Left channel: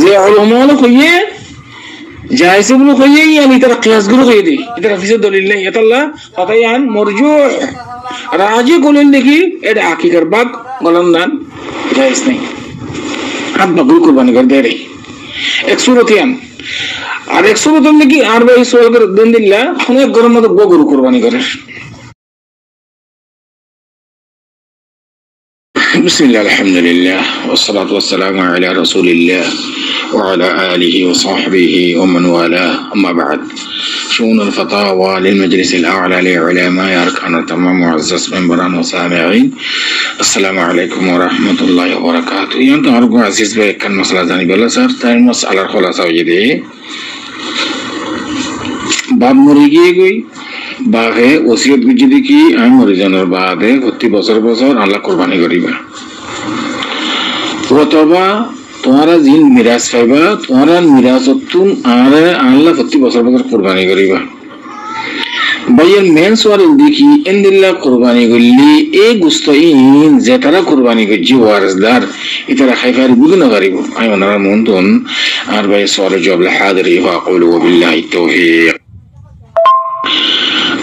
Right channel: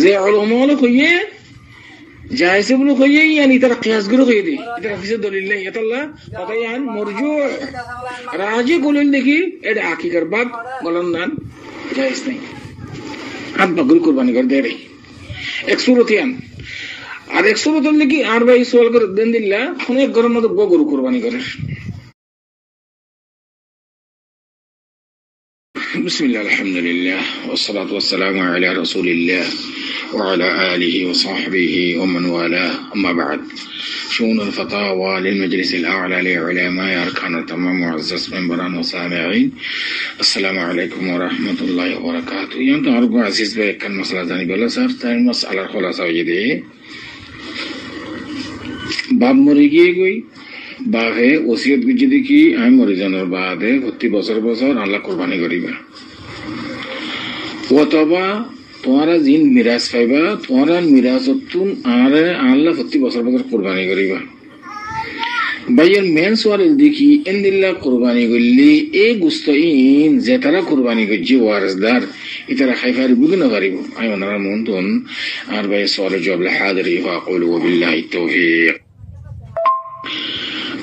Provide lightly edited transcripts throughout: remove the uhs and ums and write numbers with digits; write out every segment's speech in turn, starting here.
যে উলামা কইয়ে জায়েজ বলে কইয়ে ইয়ানি তারা কিয়াস গুলো কইয়ে দেই এটা হাফিজের দলিল নেই এটা আল্লাহ ফাতায়ান মারজু রাজি বলেন দেখি এটা আকিকার বাগ বলেন না জায়েজ নেই হাত বাগুল কুরবানি করে দেয় এক সুরতিয়ান আর এক সুরতিয়ান নাকি আর ভাই সোয়াল করে দেন দিল্লা অনেক গরম মতো গরু কুরবানি করে বিসমিল্লাহ আলহামদুলিল্লাহ والصلاه والسلام على رسول الله وعلى آله وصحبه ومن والاه أما بعد شؤون الفتاوى للمجلس الأعلى لعلماء أركان التمام معزز منبران وسامعين السلام عليكم ورحمة الله وبركاته ينتو أرجو عزيز بك كان مسألة ذاني بلا سر تاين مسألة الخلاصة وجدي باب مريجي گوي বাঘে ওসিয়ত গুজি দেখি আমি মরে জানার বাদে প্রতি বছর বছর আল্লাহ কোরবানি করিবা অথবা তোমারা জিন মিরাজ পাইবা তোমারা মিরাজতুন আর আল্লাহ প্রতি বছর বছর কোরবানি করিবা ভাইয়ের মেন সোয়াল দেখি ইনদিল্লাহ কোরবানি করলি এই গুস্তাইন যে তারা কোরবানি করছি ওয়ারসদার ইতারা খাইফারি বুঝু না পারিব আমি ওনারা মন্তন আর ভাই সোয়াল জবাব হাজিরি ওয়া আকুলু বিল্লাহি তাওফীক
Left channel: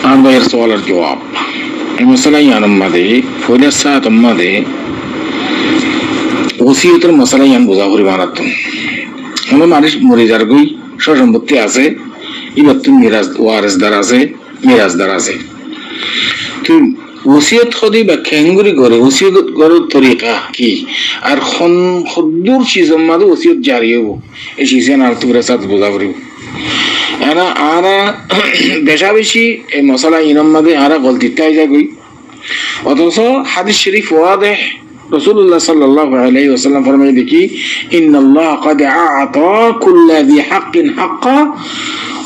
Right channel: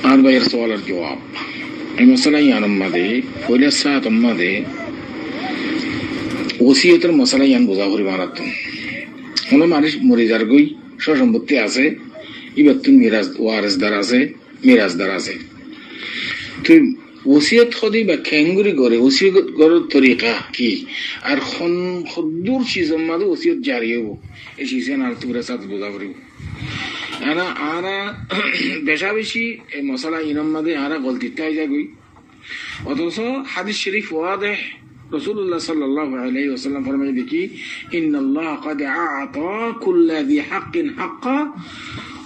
আর ভাইয়ের সোয়ালের জবাব এই মশলা ইয়ান মাদে ফয়লা সাত মাদে ওসিয়তের মশলা ইয়ান বোঝা করি বানাতুন কোনো মানুষ মরে যার গই সম্পত্তি আছে এবার তুমি ওয়ারসদার আছে মিরাজদার আছে তুই ওসিয়ত খদি বা খেঙ্গুরি করে ওসিয়ত করার তরিকা কি আর খদ্দুর চিজম মাদে ওসিয়ত জারি হব এই চিজেন আর তুরা সাথ বোঝা করিব এরা আরা বেশা বেশি এই মশলা ইনম মাদে আরা গলতিটাই যায় গই অথচ হাদিস শরীফ ওয়াদেহ রাসূলুল্লাহ সাল্লাল্লাহু আলাইহি ওয়াসাল্লাম ফরমায় দেখি ইন্নাল্লাহ ক্বাদ আ'তা কুল্লা যী হাক্কিন হাক্কা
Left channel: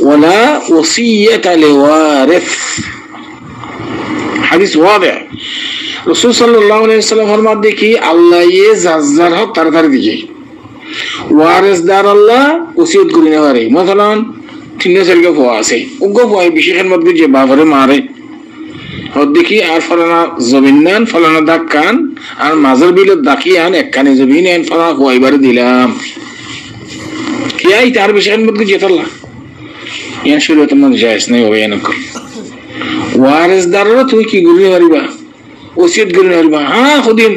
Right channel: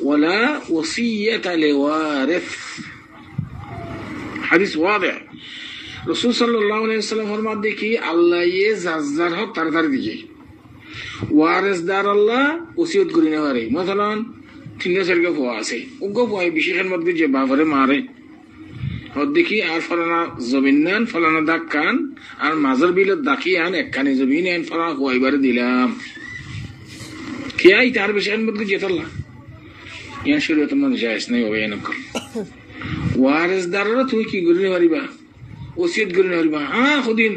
ওয়ালা ওসিয়াতা লিওয়ারিস হাদিস ওয়াদেহ রাসূল সাল্লাল্লাহু আলাইহি ওয়াসাল্লাম ফরমায় দেখি আল্লাহ ইয়ে জাজ্জার হক তাড়াতাড়ি দিকে ওয়ারিসদার আল্লাহ ওসিয়ত করে নেওয়া রে মাসালান তিন চারকে ফোয়া আছে উগ্র ফোয়া বিশেষের মধ্যে যে বাবারে মারে দেখি আর ফলানা জমিন নেন ফলানা দাগ কান আর মাঝের বিলের দাকি আন একখানে জমিন নেন ফলানা ফোয়াইবারে দিলাম কি আই তার বিশেষের মধ্যে যেতাল্লা ইয়ান শরীয়তের মধ্যে জায়েজ নাই হবে এনক ওয়ারিসদারও তুমি কি গুলি মারিবা ওসিয়ত গুলি মারিবা হ্যাঁ খুদিন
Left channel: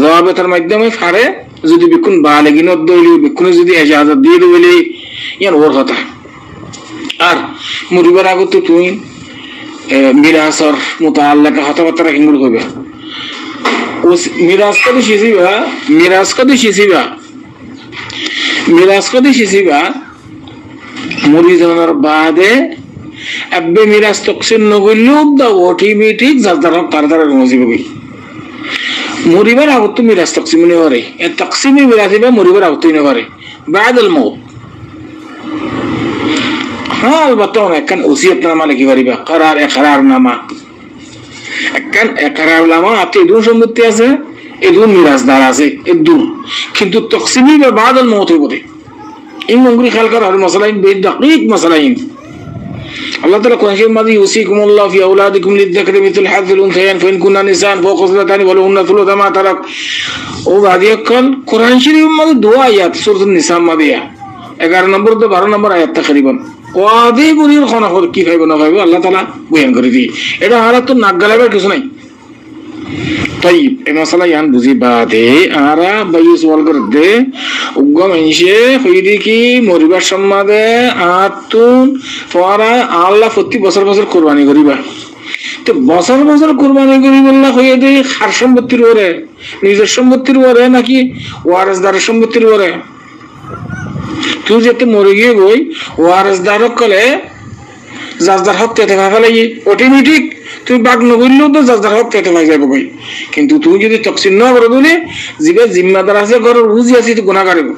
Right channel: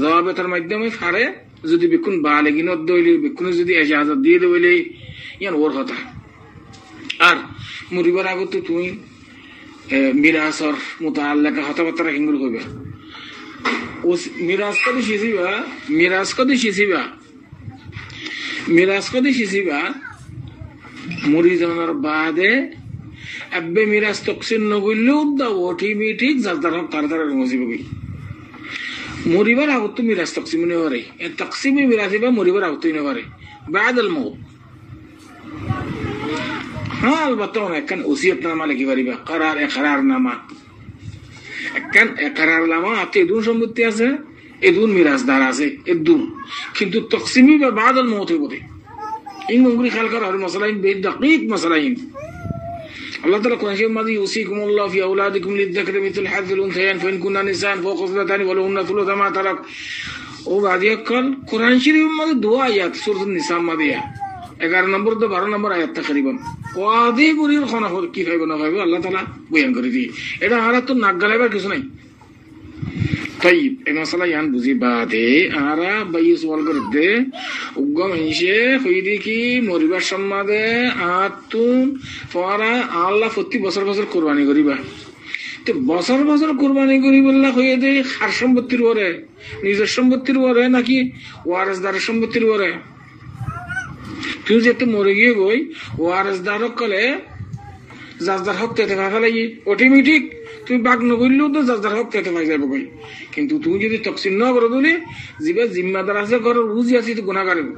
জবাবের মাধ্যমে ফারে যদি বিকুন বালেগিনত দইলি বিকুনে যদি ইজাজত দিয়ে দিবলি ইয়ান ওর কথা আর মরিবার আগত তুমি মিরাসর মুতাআল্লাকা কথাবার্তা কিংগুলো কইবা মিরাস কদি শিসিবা মরি যাওয়ার বাদে আব্বে মিরাস তকসিম নগইলেও দা অটোমেটিক যার তাড়াতাড়ি নসিব কই মরিবার আগত তো মিরাস তকসিম নে পারে এ তকসিমে মিরাসিবা মরিবার আগত নে পারে বাদাল মউত হ্যাঁ আলবাত্তা একখান ওসিয়তনামা লিখি পারিবা একরারনামা একখান একরারনামা আপনি এদুন সম্পত্তি আছে এদুন মিরাজদার আছে এদুন কিন্তু তকসিমি বা বাদাল মউত হইব দে এই মঙ্গরি খেয়াল করা আর মাসালাইন বেদ দাকিক মাসালাইন আল্লাহ তাআলা কোরআন শরীফের মধ্যে ইউসিকুমুল্লাহু ফি আওলাদিকুম লিয-যাকারি মিথলু হাযযিল উনসায়াইন ফাইন কুননা নিসান ফাওকা সালাতানি ওয়া লাহুন্না সুলুসু মা তারাক ও বাদিয়াকাল কোরআন শরীফের মধ্যে দুয়া আয়াত সূরাতুন নিসা মধ্যে 11 নম্বর তো 12 নম্বর আয়াত তাকরিবান ওয়াদি বুনির খানা কি খাইব না খাইব আল্লাহ তাআলা বয়ান করে দি এটা আর তো নাক গালাবার কিছু নাই তাই এই মশলা ইয়ান বুঝি বাদে আরা বাই সওয়াল করে দে উগ্গম ইনশে হইদি কি মরিবার সম্মাদে আতুন ফরা আল্লাহ প্রতি বছর বছর কুরবানি করিবা তো বছর বছর কুরবানি করি বললা হয়ে দে খার সম্পত্তির ওরে নিজের সম্পত্তির ওরে নাকি ওয়ারিসদারের সম্পত্তির ওরে তুই যেতে মরে গিয়ে গই ওয়ারিসদার কলে জাজদার হক তেতে ভাবে লাগি অটোমেটিক তুই বাগ নগরলেও তো জাজদার হক তেতে ভাই যাবে গই কিন্তু তুই যদি তকসিম না করে দিলে জিবে জিম্মাদার আছে ঘরের বুঝি আছে তো গুনাহ করব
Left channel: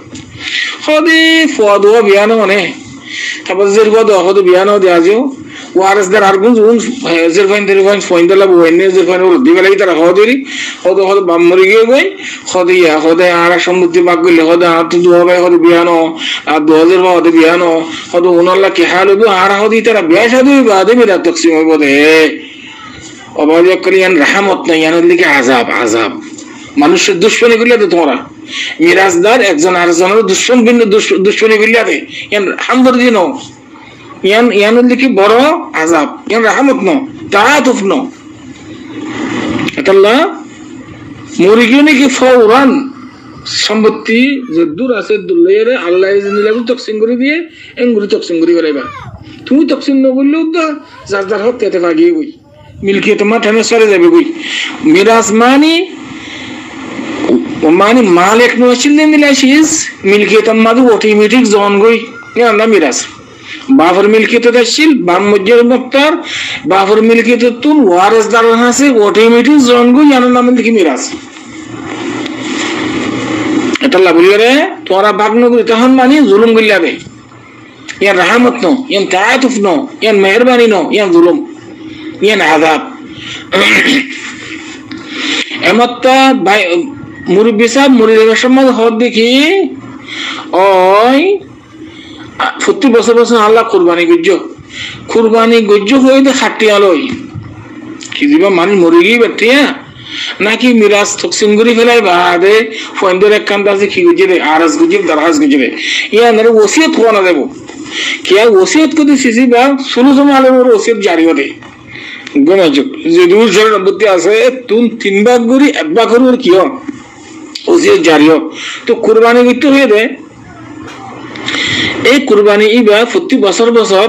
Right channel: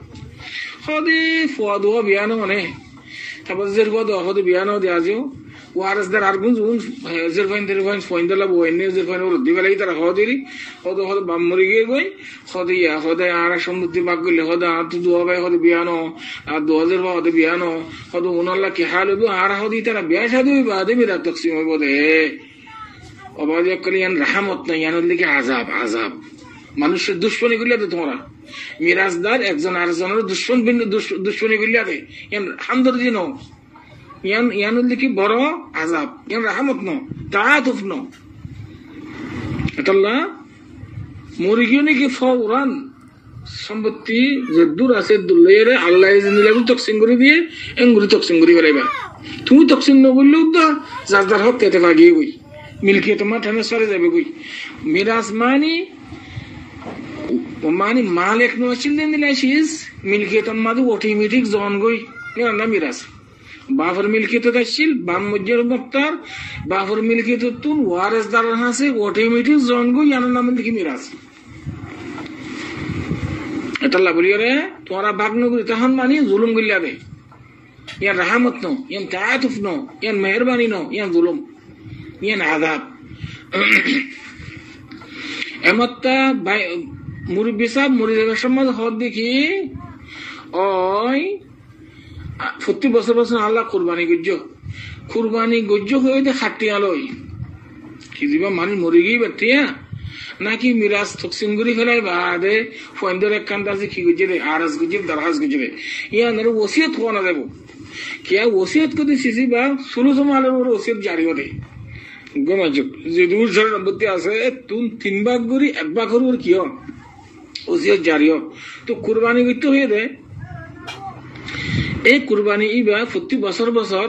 খদি ফদুয়া বিয়ানো মানে তারপর জেরবা দো হদ বিয়ানো দেয়া যাও ওয়ারিসদার আর গুণ জেরফাইন দেরফাইন ফইন্দলা বইনে জেরফাইন ওর দিবে লাগি তারা হদরি হদ হদ বাম মরে গিয়ে গই খদিয়া খদে আর সম্মতি বাগ গলে হদ হাত দুয়া ভাই হদ বিয়ানো আর 2000 বা হদ বিয়ানো হদ উনাল্লাহ কি হাল হবো আর হদি তারা বিয়া শাদী বাদে মিরা তকসিম হইব দে অবাদিয়া করিয়ান রহমত নাই ইয়ানের দিকে আযাব মানুষের দুশ্মনী করলে তো তোমরা মিরাজদার একজন আরেকজনের দুশ্মনী করলে দে ইয়ান হামদর্দি নো ইয়ান কি বড় আযাব ইয়ান রাহমত নো তাআতুফ নো এটাল্লা মুরগি নাকি ফৌরান সম্পত্তি যে দূর আছে দুলেরে আল্লাহ ইজনিল্লাহ তকসিম করে দিয়ে এঙ্গুরি তকসিম করে বেরাইবা তুমি তকসিম ন বললেও তো যার যার হক পেতে ভাগিয়ে গই মিলকিয়ত মাঠানে সরে যাবে গই মিরাজ মানে মালিক নছিল মিলাশিস মিলকিয়ত মাদু অটোমেটিক জন গই না মিরাজ বাফর মিলকিয়ত দাছিল বাম মজ্জের মুক্তার বাফর মিলকিয়ত তুন ওয়ারিসদার আছে অটোমেটিক জন গই ইয়ার নাম দেখি মিরাজ এটা লাগুলি রে তোরা বাগনগুলি তখন মানে জুলুম গিলাবে ইয়ান রাহমত নো ইয়ান তাআতুফ নো ইয়ান মেহেরবানি নো ইয়ান জুলুম ইয়ান আযাব এমত্তা মুরব্বি সাহেব মুরিদের সমাজ হদ দেখি ওই প্রতি বছর আল্লাহ কুরবানি গজ্জ হয়ে দে খাটি আলোই কি দিবা মানে মরে গিয়ে বেটিয়া নাকি মিরাজ তকসিম করে ফেলাই বাদে ফন্দের এক কান্দ আছে কি গুজে দে আরস গুজে দরহাজ গুজে দে ইয়া নরে ওসিয়ত কোনা দেব কি আর ওসিয়ত কদি সিসি বা শুরু সময় আলো ওসিয়ত জারি হতে গনাজক যে দূর জের বুদ্ধি আছে তুন তিন ভাগ গরি এক ভাগ করুর কি হয় ওসিয়ত জারি হয় তো কুরবানি গিতে হয়ে দে এই কুরবানি ইবা প্রতি বছর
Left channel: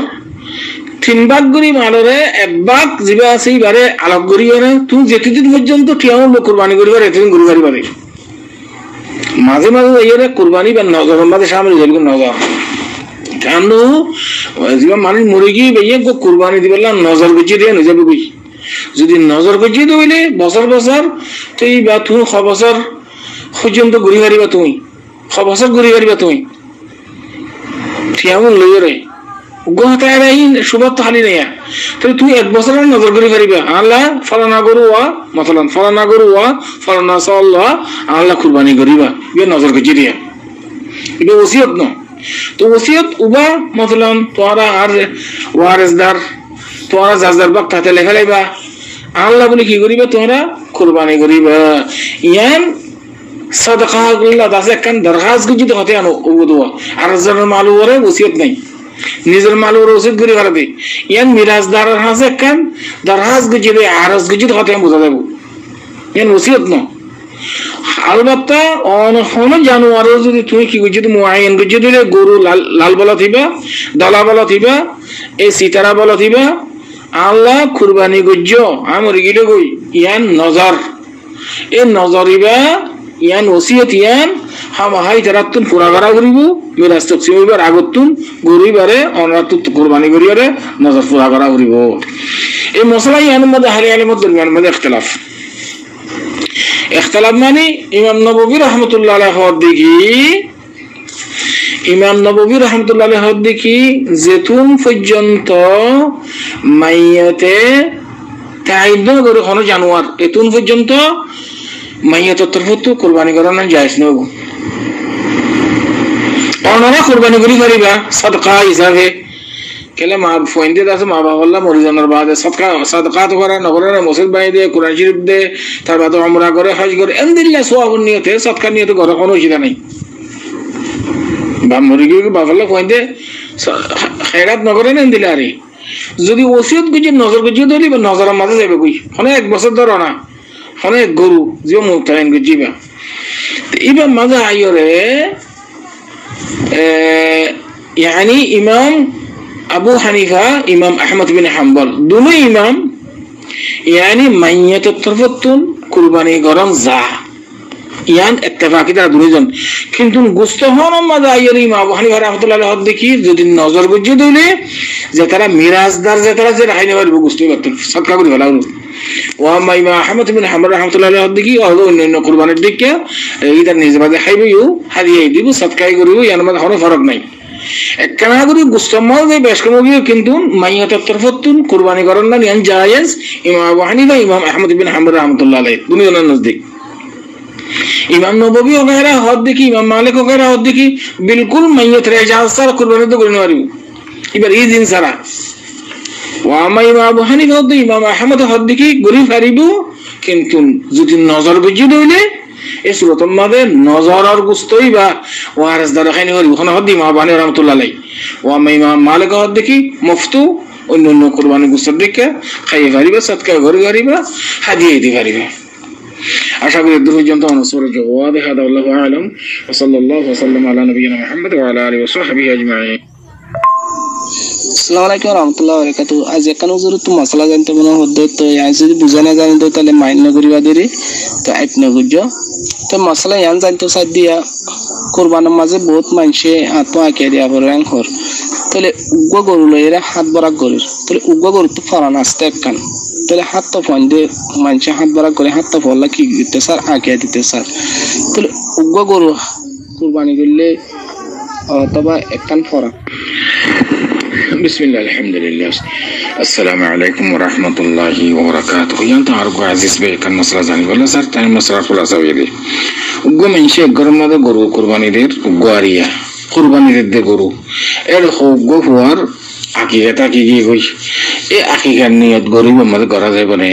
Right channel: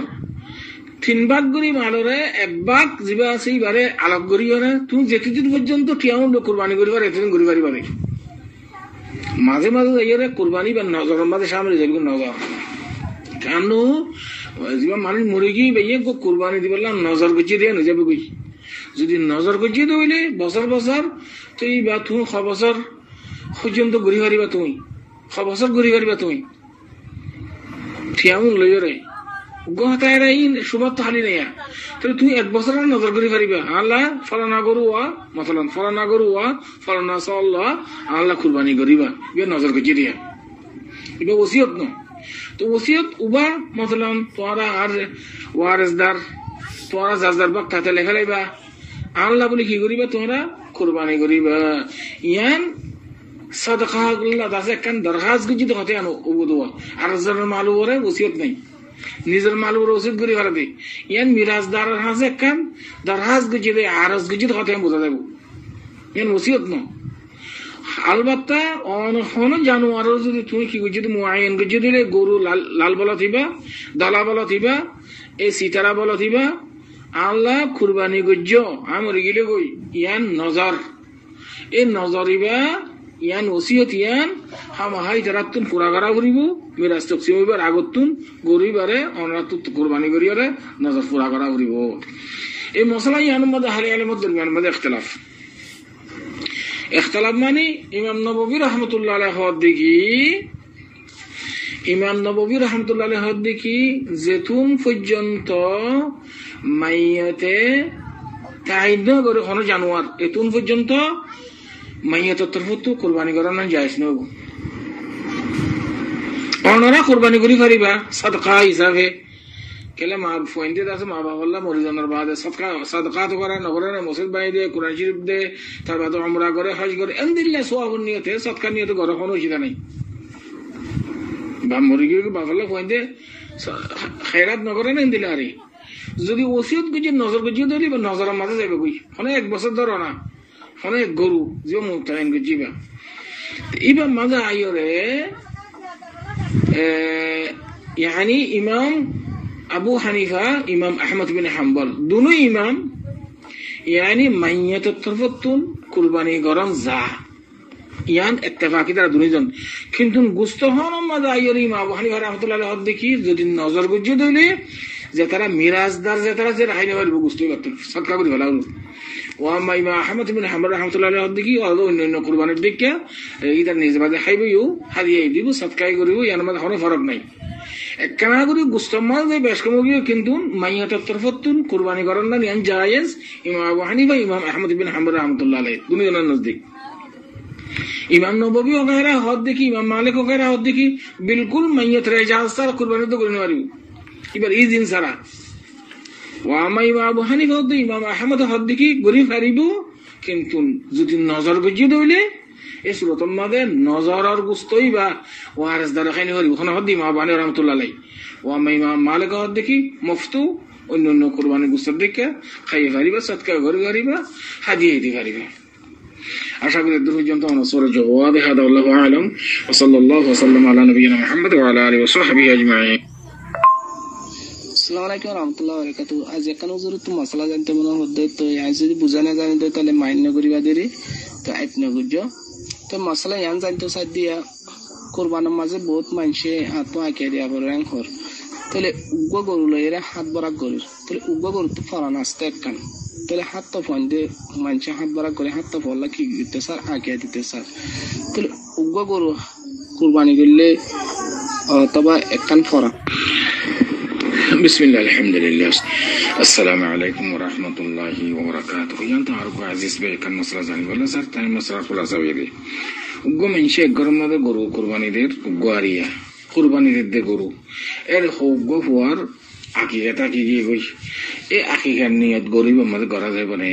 তিন ভাগ গরি মালরে এক ভাগ জিবা আছে এবারে আলোক গরি না তুমি যেতদিন পর্যন্ত ঠিয়াও কুরবানি করিবার এতদিন গরু গাড়ি বাড়ি মাঝে মাঝে এর কুরবানি বা নজর মাঝে সামনে যেরকম নজর কেন জিবা মানুষ মরে গিয়ে বেয়ে কুরবানি দিবেলাম নজর গুছিয়ে দিয়ে যাবে বুঝি যদি নজর গুছিয়ে দিলে বছর তো এই বা তুমি ছ বছর পর্যন্ত ঘুরি গাড়িবা তুমি ছ বছর ঘুরি গাড়িবা তুমি ঠিয়াও লইয়ে রে সুবাদ তো হালি নেয়া তাহলে তুই এক বছরের নজর করে পারিবা আল্লাহ ফলানা গরু মতলান ফলানা গরু ফলানা সাল্লাহ আল্লাহ কুরবানি করিবা ইয়ে নজর করে দিয়া এটা ওসিয়ত ন তো ওসিয়ত উবা মতলান তোরা আর ওয়ারিসদার তোরা জাজদার বাক তাতে লেখা লাইবা আল্লাহ বলে কি করিবা তোরা কুরবানি করিবা ইয়ান সাদাকা আল্লাহ দাসে কান দরখাস্ত গুজিত হতে আনো ওদুয়া আর জানার মালু ওরে ওসিয়ত নাই নিজের মালুর ওসিয়ত করে ফেলাবে ইয়ান মিরাজদারের হাসে কান দরখাস্ত গুজিবে আরজ গুজিত হতে বোঝা যাব ইয়ান ওসিয়ত ন আলবাত্তা অন জানুয়ারে যদি তুমি কি গুজিত মুআয়্যান গুজিত দিলে গরু লাল বলা থিবা দলা বলা থিবা এই সিতারা বলা থিবা আল্লাহ কুরবানি গুজ্জ আমর গিলে গই ইয়ান নজর এই নজরিবা ইয়ান ওসিয়ত ইয়ান হামাহাই তারাতুন পুরা করা করিব মিরাজ তকসিম হইবার আগতুন গরিবারে অনাতুত কুরবানি করিয়ারে নজর পুরা করা করিব এই মশলা ইয়ান মধ্যে হালি আলিমত দরমিয়ান মধ্যে ইখতিলাফ মানে ইমাম নববী রাহমাতুল্লাহ আলাইহি দেখি যেতুন পর্যন্ত মাইয়াতে তাইদ করে কোনো জানোয়ার এতুন পর্যন্ত মাইয়াতের তরফতো কুরবানি করা না জায়েজ নব অনারা কুরবানি করি পারিবা সাদকা হিসাবে কেলে মা ফয়েন্দে আছে মা বাবা আল্লাহ মরিজানোর বাদে সাদকা তো করা নগরে মসজিদ বাই দে কুরআন শরীফ দে তার বাদে উমরা করে হজ করে আলহামদুলিল্লাহ সওয়াবের নিয়তে সাদকা নিয়তে ঘরে কোনো অসুবিধা নাই বা মরি গিয়ে বাবা আল্লাহ ফয়েন্দে খেরাত নগরে নেন দিলে আরে যদি ওসিয়ত গুজি নজর গুজি ধরি বা নজরের মাঝে যাবে কই মানে এক বছর ধরো না অনেক গরু যে মুক্তাইন গুজিবা এবার মাঝে আইরে ইয়ানি ইমাম আবু হানিফা ইমাম আহমদ বিন হাম্বল দুনো ইমাম ইয়ানি মাইয়াতের তরফতুন কুরবানি গরম যা ইয়ান ইত্তেফাকি তারা দুইজন কিন্তু গুস্তহন মাঝে আইরে ইমাম আবু হানিফা রাহমাতুল্লাহ আলাইহি দেখি যদি নজর গুজি দিলে যে তারা মিরাজদার যে তারা যে রাখাই নেবার গুস্তই করতেন সদকা করে ফেলা হলো ওয়ামা ইমাম আহমদ বিন হাম্বল রাহমাতুল্লাহ আলাইহি দেখি অন্যান্য কুরবানির দিকে এইটার নিজে বাদে খাইবেও হারিয়ে দিব সদকাই করিব ইয়ার মধ্যে কোনো ফরক নাই একখানা করে গুস্তমাল যে বেশ কমগিয়ে কিন্তু মাইয়াতের তরফতুন কুরবানি করেন না ইয়ান জায়েজ ইমাম আবু হানিফা ইমাম আহমদ বিন হাম্বল রাহমাতুল্লাহ আলাইহি দুনিয়ার নজদিক ইমাম নববী ওগেরা হদ দেখি ইমাম মালিক ওগেরা হদ দেখি বিলকুল মাইয়াতের ইজাজত ছাড়া কুরবানি তো করে নেওয়ারিব এবার এই দিন ছাড়া ওয়ামা ইমাম আবু হানিফা হদ ইমাম আহমদ হদ দেখি গরি ফারিব কিন্তু যদি নজর গুজি দইলে এই সূরাতের মধ্যে নজরের গুস্তই বা ওয়ারিস দ্বারা খাইনি হরি ওখানে হদ্দি মা বানি রহমাতুল্লাহ আলাইহি ওয়া ইমাম মালিক হদ দেখি মুফতু অন্য কুরবানি গুস্তর দেখে খাইয়ে পারিবা সদকা করে পারিবা হাদিয়া দিতে পারিবা আশা করি দূর পর্যন্ত অনুসরণ জবাব হাদা আল্লাহু আলাম ওয়া সাল্লাল্লাহু ওয়া সাল্লাম আলা নবিয়িনা মুহাম্মদ ওয়া আলা আলিহি ওয়া সাহবিহি আজমাইন। আসসালামু আলাইকুম ওয়া রাহমাতুল্লাহি ওয়া বারাকাতুহু। আজ একানো জরুরি মশলা জানতে মনে হদ্দ তো আই যদি বুঝা না জানি তো তাহলে মাইন করিবা দেরি তো আইট না বুঝো তো মশলা ইয়ান জানতে সাদ দিয়া কুরবানের মাঝে বহুত মানুষে হাত আঁকে দিয়া পরে রাখর তাহলে উগ্র গরু লইরা হাত বরাক গরুর তাহলে উগ্র গরু তো ফরান আসতে একখান তাহলে হাত তো ফোন দিয়ে মানুষে হাত বরাক করে হাত তো ফলা কি দিতে স্যার আঁকে দিতে স্যার তাহলে উগ্র গরু কুরবানি করলে অথবা একখান ফরা। বিসমিল্লাহ আলহামদুলিল্লাহ আসসালামু আলাইকুম ওয়া রাহমাতুল্লাহি ওয়া বারাকাতুহু। ইয়ান্তা আরগো আজিজ বে কান মাসলা জানি বলে স্যার তাই মাসলা ফুলাসা হইলি উগ্র মানুষে গরম মাদে গরু কুরবানিদের উগ্রিয়া কুরবানিদের গরু এর উগ্র হওয়ার আকিকাটা কি কি কই এই আকিকার নিয়ত গরিব আমাদের করা যায় বলে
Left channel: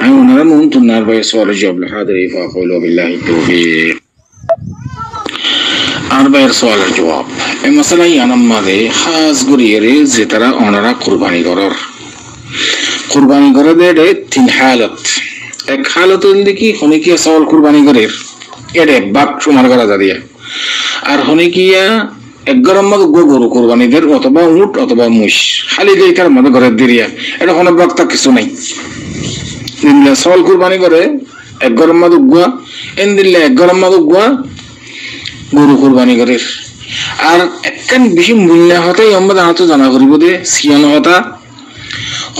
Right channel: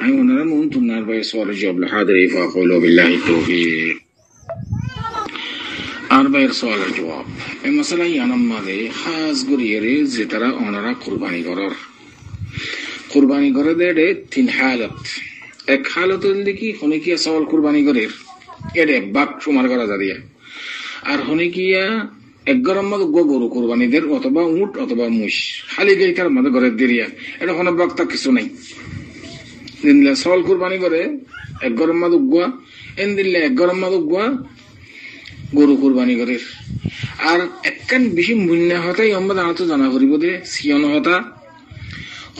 আমি ওনারা মন তুনার ভাই সওয়াল জবাব হাদিরি ফাকুলু বিল্লাহি তাওফীক আর ভাইয়ের সওয়ালের জবাব এই মশলা ইয়ানাম মাদে খাস গরিয়েরে যে তারা ওনারা কুরবানি করে দেড়ে তিন হালত এক হালত দেখি হনিকিয়া সওয়াল কুরবানি করে এড়ে বাপ সমার করা যা দিয়া আর হনিকিয়া এক গরম মতো গরু কুরবানিদের অথবা উট অথবা মুষ খালি দিয়ে তার মতো ঘরের দিরিয়া এটা কোনো বক্তা কিছু নাই দিনলে সওয়াল কুরবানি করে এক গরম মতো গুয়া এন দিলে এক গরম মতো গুয়া গরু কুরবানি করে আর একখান বেশি মূল্য হতাই আমাদের হাতে জানা করিব দে সিয়ানো হতা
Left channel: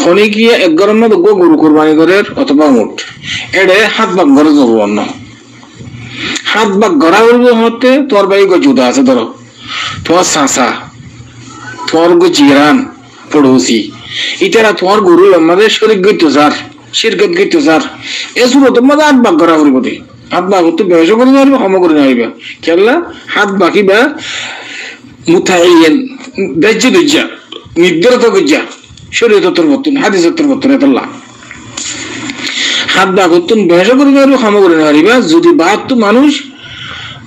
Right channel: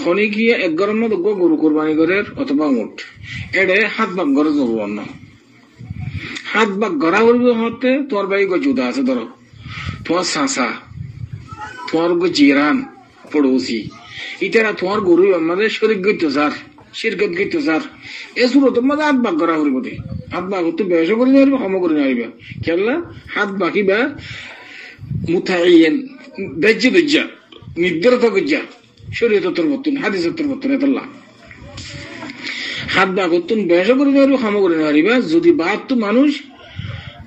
হনিকিয়া এক গরম মতো গরু কুরবানি করে অথবা উট এড়ে হাত ভাগ ঘরে জরুর অন্য হাত ভাগ গড়া করবো হতে তোর বাড়ি গো জুদা আছে ধরো তোমার চাচা তোমার গো জিরান পড়োসি ইতারা তোমার গরু আমাদের শরীর গইতো যার শিরকত গইতো যার এসব তোমাদের হাত ভাগ গড়া করবো দে হাত ভাগ তো ব্যবসা করে নেবে ক্ষমা করে নেবে খেললা হাত বাকি বা মুথাইয়েন বেজ্জে দুজ্জা নির্ধারিত গুজ্জা শরীর তত্তর বর্তন হাদিস তত্তর বর্তন এতল্লা হাত বাগতুন ব্যবসা করে নেবে ক্ষমা করে নেবে যদি বাদ তো মানুষ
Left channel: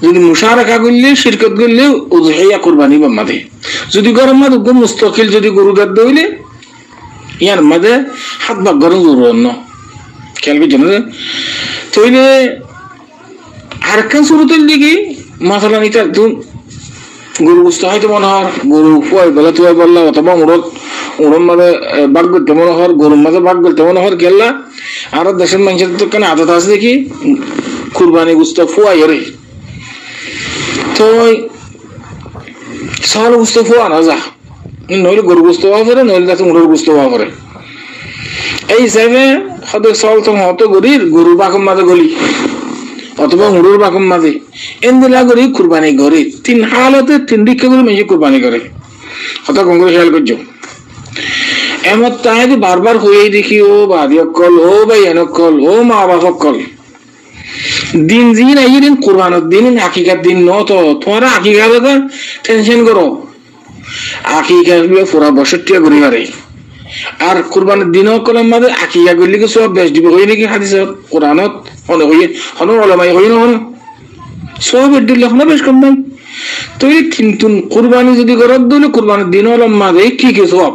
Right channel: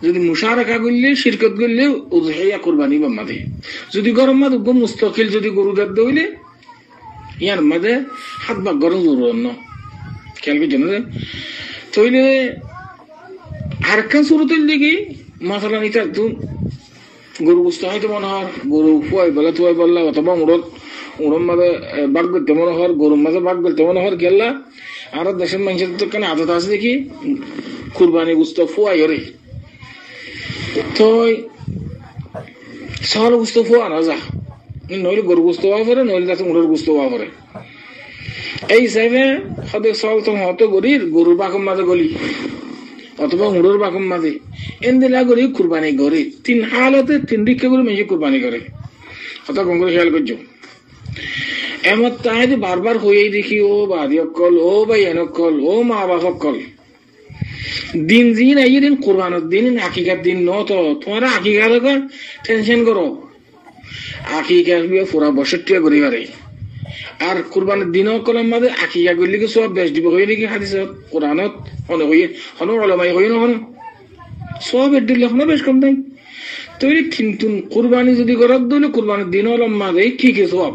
যদি মুশারাকা করলে শিরকত করলে উযহিয়া কুরবানি বামাদে যদি গরম মাদ গো মুস্তাকিল যদি গরু দাদ দইলে ইয়ার মাদে হাত ভাগ গরম জরুর অন্য খেয়াল করে জানো তইলে আর কেন শুরুতের দিকে মাসালা নিতে একদম গরু বুঝতে হয়তো মনে হয় গরু ফুয়াই বেলা তুয়াই বললা অথবা উড়ন মাঝে বাঘ করতে মনে হয় গরুর মাঝে বাঘ করতে মনে হয় গেল্লা আর দেশের মানুষের তো কেন আদত আছে দেখি কুরবানি গুস্ত ফুয়াই রে তো সওয়াল গুস্ত ফুয়া না যা নইলে গরু গুস্ত হওয়া পরে নইলে তাতে উড়োর গুস্ত হওয়া পরে এই হিসাবে হয়তো সওয়াল তো হতো গরুর বাঘম মাঝে গলি অথবা উড়োর বাঘম মাঝে এনদিলা করি কুরবানি করে তিন হালতে তিন দিকে করে মেশে কুরবানি করে হতা কংগ্রেস খেয়াল করছো এমন তাই বারবার হয়েই দেখি ও বাদি অকল ও ভাই এনকল ও মা বাপ অকল দিন দিন এই দিন কুরবানের দিন আকিকার দিন ন তো তোমার আকিকা টেনশন করো আকিকা পুরা বছর টিয়া ঘুরে পারে আর কুরবানের দিনও কলম মাঝে আকিকা করলে কি সব বেশ দিব হই নাকি হাদিস কোরআনত হনে হই হন ওলামাই হই না হন সব দিলে হন বেশ কম নাই তো এই কিন্তু কুরবানি যদি করত দিলে কুরবানের দিন ওলম মাঝে কি কি সব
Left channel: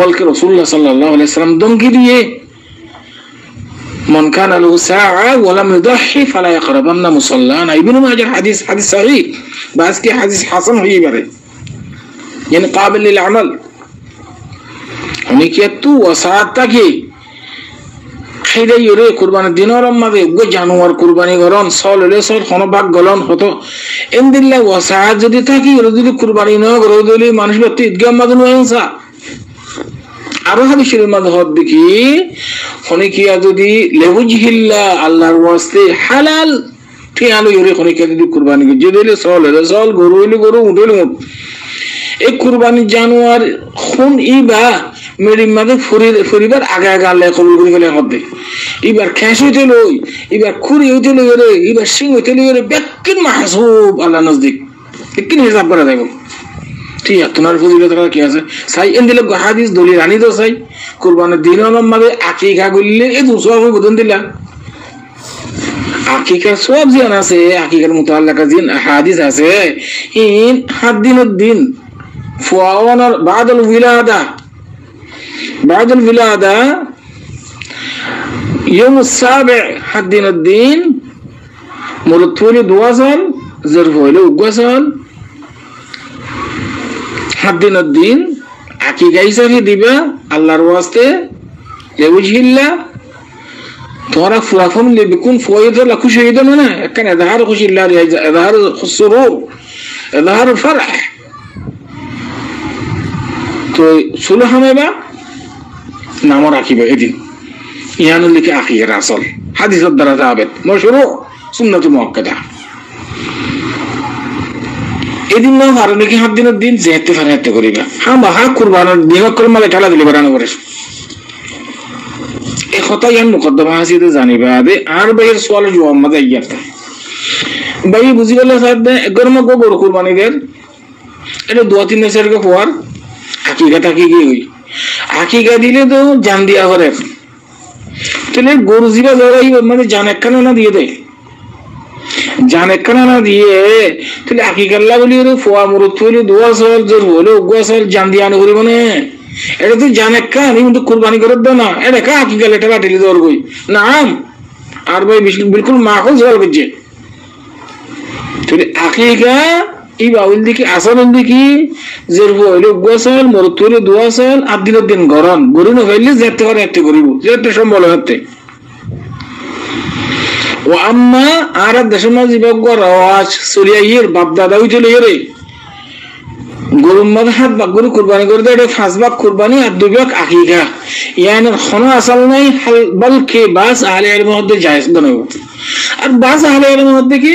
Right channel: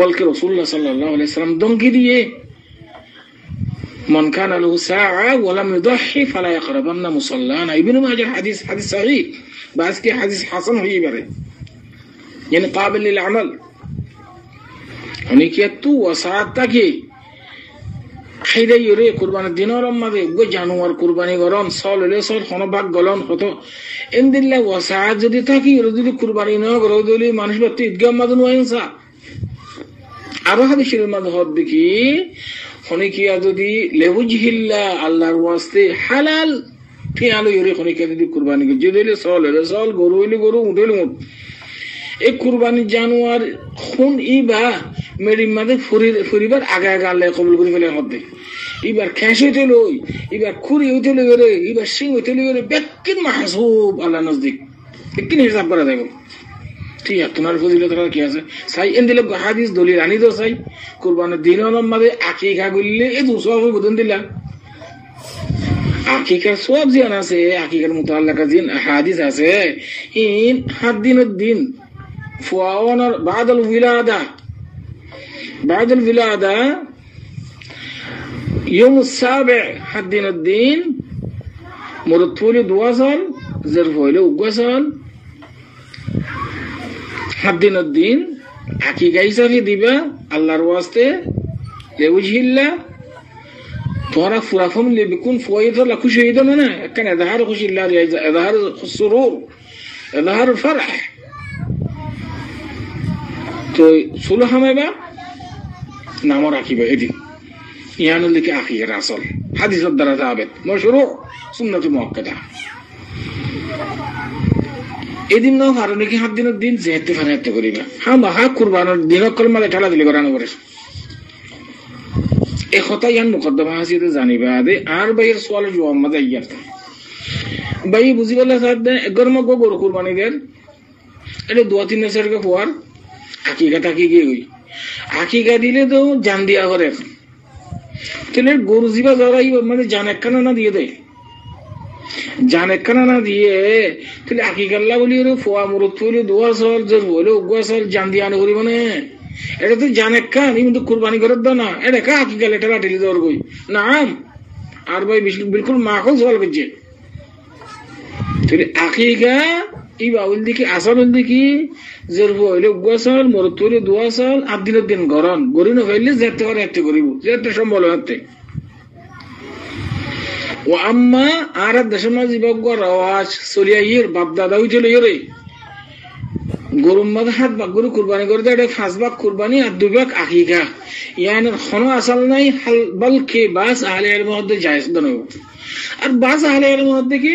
বলকে রাসূলুল্লাহ সাল্লাল্লাহু আলাইহি ওয়াসাল্লাম দমকি দিয়ে من كان له ساعة ولم يضحي فلا يقربن مصلانا ابن ماجه حديث صحيح بس كي حديث حسن هي بره يعني قابل للعمل উনিকিয়াতু ওয়াসাতাকি খেদে ইরে কুরবানি দিনের মাঝে গো জানোয়ার কুরবানি করন সললে সল কোন ভাগ গলন হতো ইনদিল্লাহ ওয়াসাত যদি থাকি যদি কুরবানি না করে দিলে মানুষ ব্যক্তি ঈদগাহ মাঝে নয়সা আরো হাদিসের মাঝে হদ দেখি খনিকিয়া যদি লেউজহিল্লাহ আল্লাহর ওয়াস্তে হালাল ঠিয়ালো ইরে খনিকিয়া যদি কুরবানি করে দিলে সললে সল গরু হইলে গরু উঠলে উঠ এই কুরবানি জানোয়ার খুন ইবা মেরি মাঝে ফুরিবার আগে আগে আল্লাহ কবুল করে গেলে হবে এবার খেস হইতে লই এবার খুরি হইতে লই রে এবার সিং হইতে লই রে বেকিন মাহসুব আল্লাহ নজদিক বেকিন হিসাব করা যাবে ঠিক আছে তোমার ফজিলত কি আছে সাই এন্দিলে হাদিস দলিল আনি তো সাই কুরবানির দিন মাঝে আকিকা করলে এই দুসরা বদন দিলা আকিকার সব জিয়ান আছে, আকিকার মুতাআল্লাকা জিন হাদিস আছে। ইন 7 দিনের দিন ফুয়াওয়ানার বাদাল উইলাদা يوم السابع 7 দিনের দিন মুরতফুলি 2 সাল জরফ হইলো 2 সাল 7 দিনের দিন আকিকা হিসাবে দিবা আল্লাহর ওয়াস্তে লেউজহিল্লাহ। তোরা ফুরাফন বিকুন ফয়দা লা খুশি হইতো না, কেন ইজহার খুশি আল্লাহ ইজহার সুরুর ইজহার ফরহ। তো সুলহ হামেবা নাম রাখিবা এদিন ইয়ানুল লিকে আখির আসল হাদিসের দ্বারা যাবেত মাশরু সুন্নাত মুআক্কাদা। এদিন না আর নাকি 7 দিনের দিন যেতে ফারাতে করিবা। হ্যাঁ মহা কুরবানের দিন কলমালে ঠালা দিলে বানানো করে এই কথা ইয়ান মুকদ্দমা হাসিতে জানিবা দে। আর ভাইয়ের সওয়াল জবাব মজা ইয়াতা ভাই বুঝি গেল সাহেব দে গরমা গো বড় কুরবানি দের এটা 2-3 বছর কে পর আকিকা কি হই। আকিকা দিলে তো জান দিয়া করে, তাহলে গরু জিবা জরাই মানে জান একখানা না দিয়ে দেয়, জান একখানা না দিয়ে তাহলে আকিকাল্লা বলি ওরে ফোয়া মুরত হইলে 2 সাল জোর হলো 2 সাল জান দিয়ে আনো করিব না। এটা তো জান একখান কিন্তু কুরবানি করে দাও না, এটা কা আকিকাল এটা কাটিলে দর কই না। আর ভাই বিলকুল মাখো জল করছে। তাহলে আকিকা এই বাউল দিকে আসল দিকে জোর হইলে 2 সাল মুরত হইলে 2 সাল 8 দিনের দিন গরম গরু না হইলে যেতে পারে এতে করিব যেতে সম্বল হতে। ও আম্মা আর দেশের মাঝে রাওয়াজ চলিয়াইয়ের বাপ দাদা হইছিল রে গরুর মাঝে 7 ভাগ গরু কুরবানি করে দেয়, 5 ভাগ কুরবানি আর 2 ভাগ আকিকা। ইয়ানি কোনো আসল নাই বলকে বাস আহলে ইলমের মধ্যে জায়েজ বানাবো। আর বাস আহলে ইলমের মধ্যে কি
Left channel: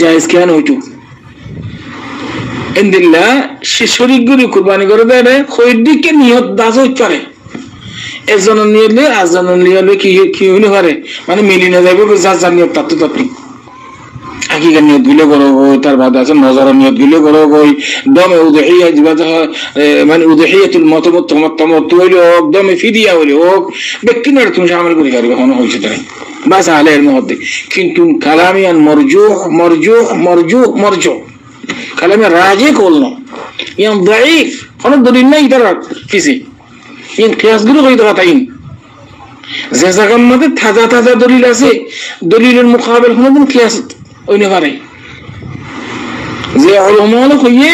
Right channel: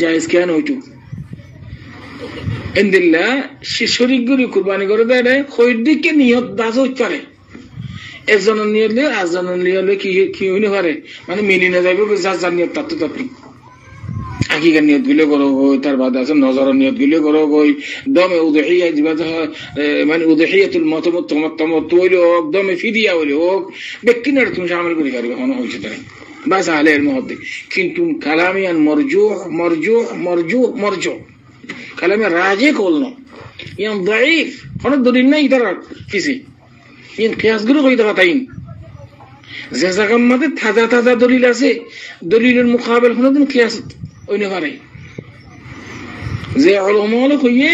জায়েজ কেন হইতো ইনদিল্লাহ সে শরীক গরু কুরবানি করে দেয় খৈদিকে নিয়ত দাস হইতারে এজনের নিয়লে আজনের নিয়লে কি হইলে পারে মানে মিলি না যাবে যার নিয়ত তাতে তাতে আকিকার নিয়ত গুলো করো গই। তার বাদ আছে নজরের নিয়ত গুলো করো গই। দমে উদহিয়া মানে উদহিয়াতুল মতামত হইলে হোক দমে ফিদিয়া হইলে হোক ব্যক্তিনের তুমি শামিল করে পারবে কোনো হয়েছে তাই বাস আহলে ইলমের মধ্যে। কিন্তু কালামিয়ান মরজুহ কালামে রাজি করল ইয়ান দাঈফ কোনো দলিল নাই তার কিছু ইন কিয়াসগুলো কই দেওয়া তাই যে জায়গার মধ্যে তাজা দলিল আছে দলিলের মুকাবিল কোনদিন কিয়াস ওইনে পারে যে উলামা কইয়ে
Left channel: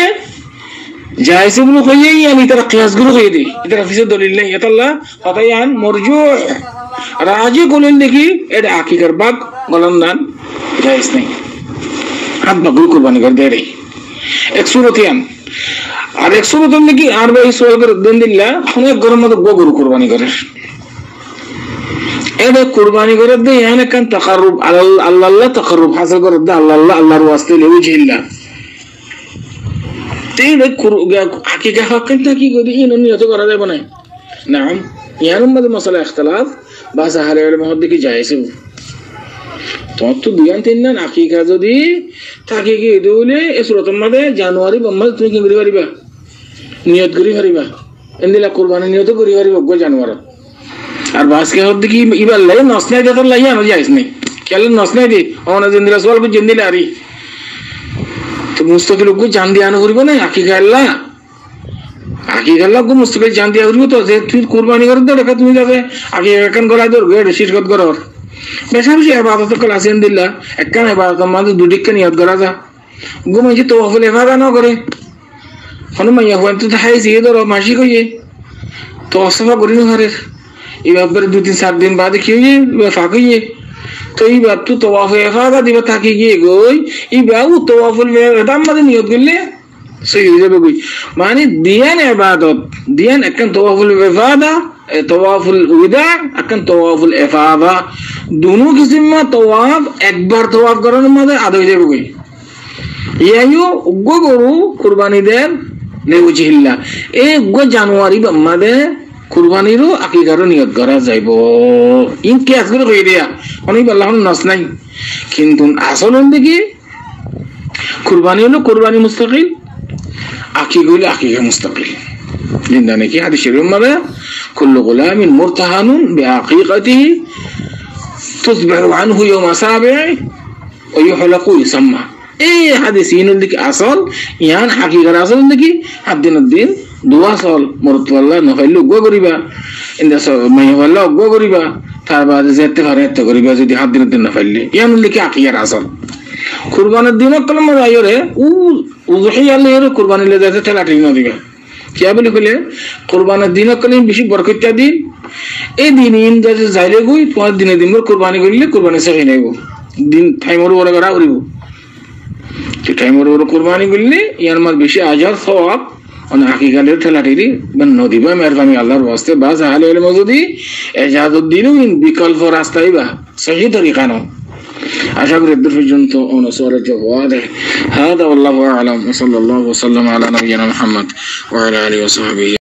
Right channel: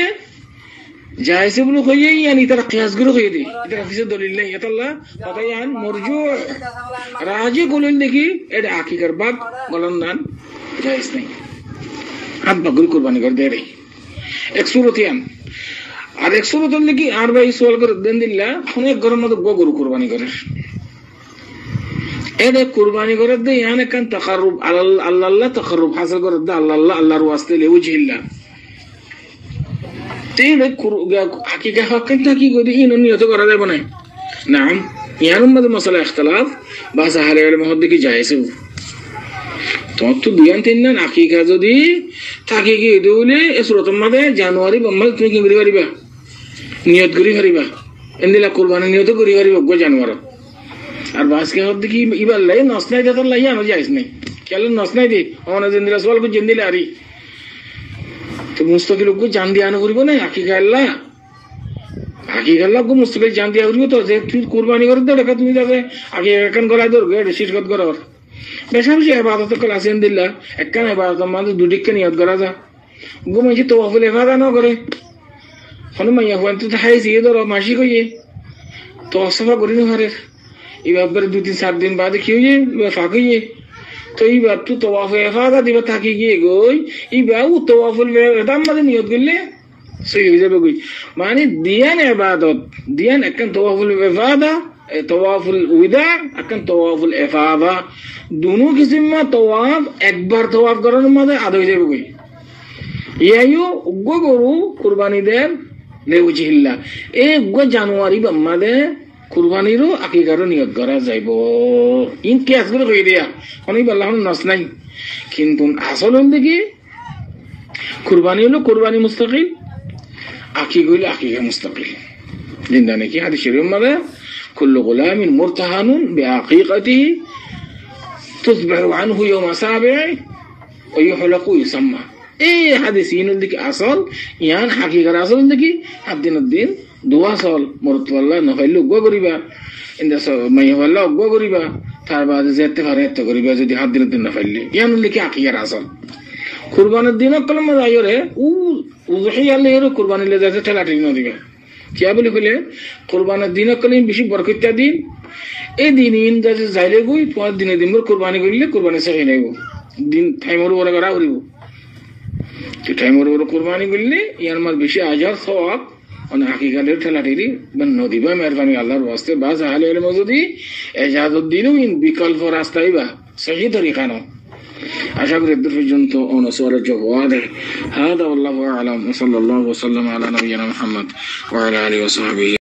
জায়েজ গুলো কইয়ে ইয়ানি তার কিয়াসগুলো কই দেয় এটার কিছু দলিল নেই। এটাল্লা ফাতায়ান মারজুহ রাজি করলেন দেখি এটা আকিকার বাদ বলেন না জায়েজ নেই। হাত বাগুল কুরবানি করে দেয় রে এক সুরতিয়ান আর 100 নাকি আর ভাই সোয়াল করে দেন দিল্লা অনেক গরম মতো গরু কুরবানি করে এটা কুরবানি করে দেয় এখানে কান তাকাররুব আল্লাহ তাকাররুব হাসিল করে দেয় আল্লাহর ওয়াস্তে লিওজহিল্লাহ। তেইলে হাকিকা হকটা কি করি ইন নিয়ত করা যাবে না নাম ইয়ার মধ্যে মাসালা ইখতিলাফ বাস আহলে ইলমের মধ্যে কি জায়েজ তোমার তো 2-3 দিন হাকিকা যদি থাকে কি দৌলে এই সুরতের মধ্যে জানুয়ারি বম্মাল তুমি কি করি পারিবা নিয়ত করি পারিবা এন্দিলা কুরবানি নিয়ত করি পারিবা গো জানুয়ারি। আর বাসকে হদ্দি কি ইবার লাই নসনাই দেতার লাই আনো যাইস নাই কেলে নসনাই দি ওনা জিন্দিলা সওয়াল কো জিন্দিলা আরি তো মুস্তাকিল গো জান দি আনো করিব না আকিকা আল্লাহ গো মুস্তাকিল জান দি করিব তো যে তুই কুরবানি করে দে দেখা তুমি যাবে আগে একখান গলা দর গড় শিরকত করর বেশি ইবাদত কল আসেন দিল্লা একখান ইবাদত মানে দুদিকে নিয়ত করা যা গো মানে তাওয়াফুল ইফাদা না করে কোনো মাইয়া হন তো হাই জিয়ে দর মাসি কইয়ে তো অসফা করি না ঘরের এবার 2-3-4 দিন বাদে কি হইয়ে ফাঁকিয়ে তো এইবার তো তাওয়াফ ইফাদা দিবে থাকি গিয়ে গই এইবার তাওয়াফুল ইফাদা মানে নিয়ত করলে সহি হয়ে যাবে গই মানে দিয়ান ইবাদত দিয়ান একখান তাওয়াফুল ইফাদা তাওয়াফুল উদা একখান তাওয়াফুল ইফাদা দুনো কিসিম মা তাওয়াফ একবার তাওয়াফ করার মধ্যে আদা হয়ে যাবে গই ইয়ায়ু গো গরু কুরবানি দেন লিওজহিল্লাহ এই গো জানুয়ারি বাম্মাদে কুরবানিরও আকিকারও নিয়ত করা যাইব ইন কিয়াস করে কই দিয়া অনেক আল্লাহর নাস নাই। কিন্তু আসল দিকে কুরবানি হলো কুরবানি মুস্তাকিল আকিকা হলো আকিকা মুস্তাকিল। জিন্দা নাকি হাদিসের মধ্যে কুল্লু গুলামিন মুরতাহানুন বিআকিকাতিহি تصبح عنه يوم سابع ويحلق ويسمى এই হাদিসিনুল দিকে আসল ইয়ান হাকিকার আসল দিকে হাদিন দিন দোয়া সল মরতওয়াল্লাহ নফাইলু গো করিবা ইন্দা মাইওয়াল্লাহ গো করিবা তার বাদে যেতে পারে এত করিবা যদি হাদিন দিন নফাইলি ইয়ানুল দিকে হাকিকার আসল কুরবানের দিন কলম আইরে উযহিয়ালের কুরবানি লে যাতে ঠেলাঠেলি না দিবা কি বলি কইলে কুরবানের দিন কলম বেশি বরকত দিন এই দিন ইন যাতে যাইলে গই তোমার দিনে দিন কুরবানি করিলে কুরবানি সহি নাইব দিন টাইমর ওরা করা করিব কি টাইমর ওরা কুরবানি করলে ইয়ার মার বেশি আজার সওয়াব অন হাকিকাতের ঠেলাঠেলি বন্ধ দিবা মেহরবানি আল্লাহর ওয়াস্তে বাস আহলে ইলম যদি ইজাজউদ্দিন বিকল্প রাস্তায় বা সহি তরিকা নাও আশা করি এর পর্যন্ত অনুসরণ জবাব هذا والله اعلم وصلى الله وسلم على نبينا محمد وعلى اله وصحبه